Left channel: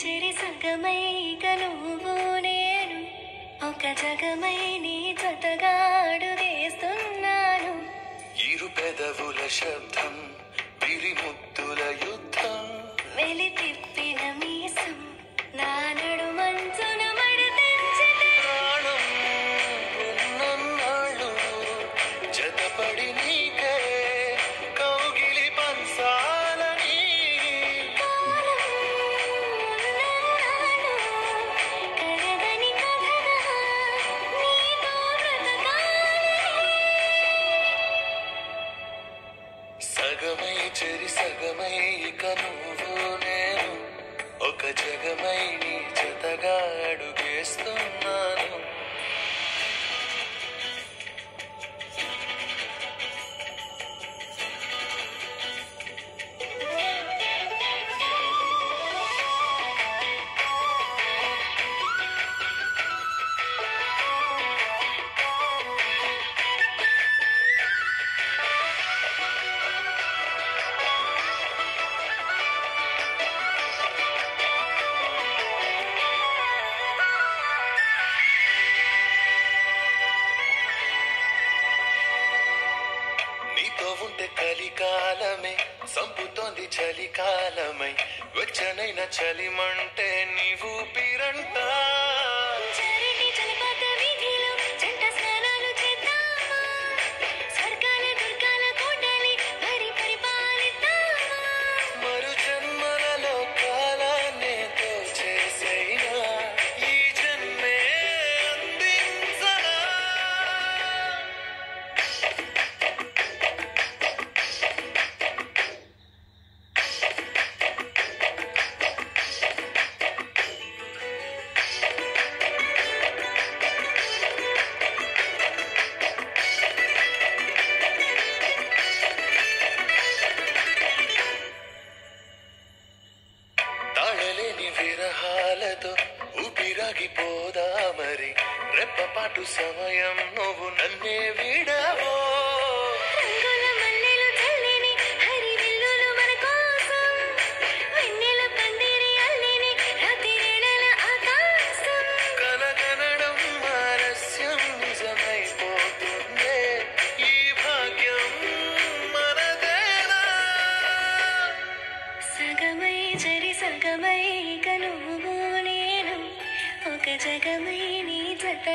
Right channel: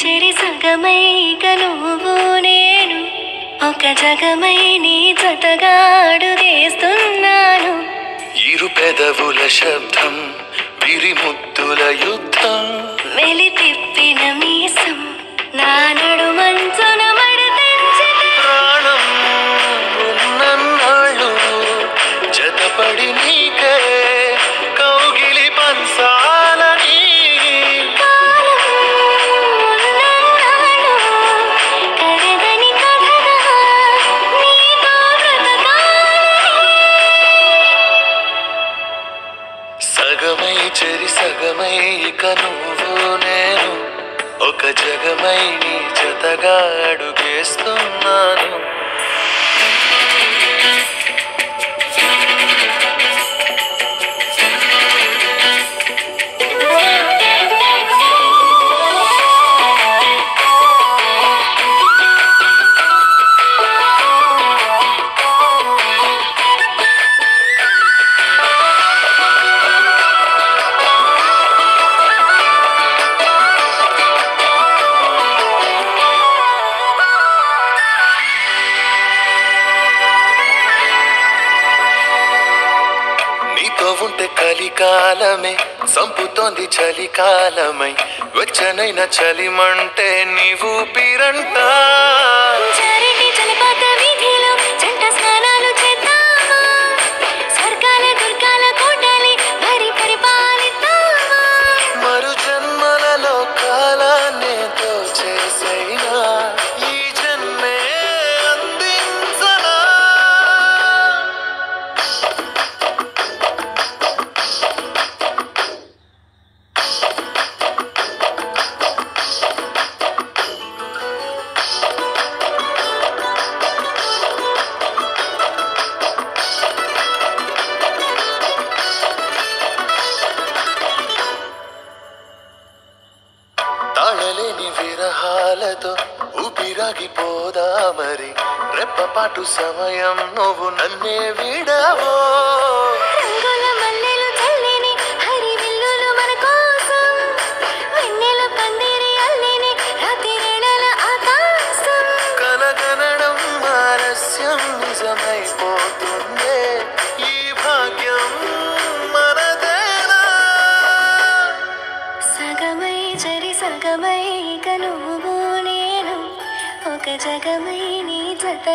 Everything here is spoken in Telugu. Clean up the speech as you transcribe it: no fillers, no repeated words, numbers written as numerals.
చెరి సగమై ఇక నువ్వు నేను ఒక జగమై నీ జతగా అడుగేస్తున్నాను. ఇరు పెదవుల శబ్దం విరి ముద్దుల యుద్ధం మెలి తిప్పిన మీసం నా నడుమంచున మడతెంచితే ప్రాణం ఉన్నన్నాళ్ళు జతపడి నీకే కౌగిలి పంచాలని కాలం ఉన్నన్నాళ్ళు కరగని కథగా నీతో బ్రతకాలని. సగమై చెరి సగమై ఇక నువ్వు నేను ఒక జగమై నీ జతగా అడుగేస్తున్నాను. నీతో ఉంటే కలికాలమే సంపుతోంది చలికాలమై వెచ్చనైన చలిమంటే నీవు పిరంట చారిటి జలపాత వీధిలో జంట స్నానాలు చేద్దామా? స్వర్గాల దుర్గాల కోటలి మరి పరిపాలిద్దామా? మరు జన్మలలో కాలాన్ని చేసైనా ఈ జన్మే అందించనా. తాళలేని విరహాలతో ఊపిరాగిపోదా మరి రెప్పపాటు సమయం నువ్వు నన్నే విడవో. రంగుల మల్లెలు చల్లిని హరివిల్లులు మన కోసం వెన్నెల పందిరి అల్లిని రాత్రివేళల ఆకాశం కలగనడం ఆలస్యం నిజమైపోతుందే ఈ భాగ్యం మనదేనా. సగమై చెరి సగమై ఇక నువ్వు నేను ఒక జగమై నీ జత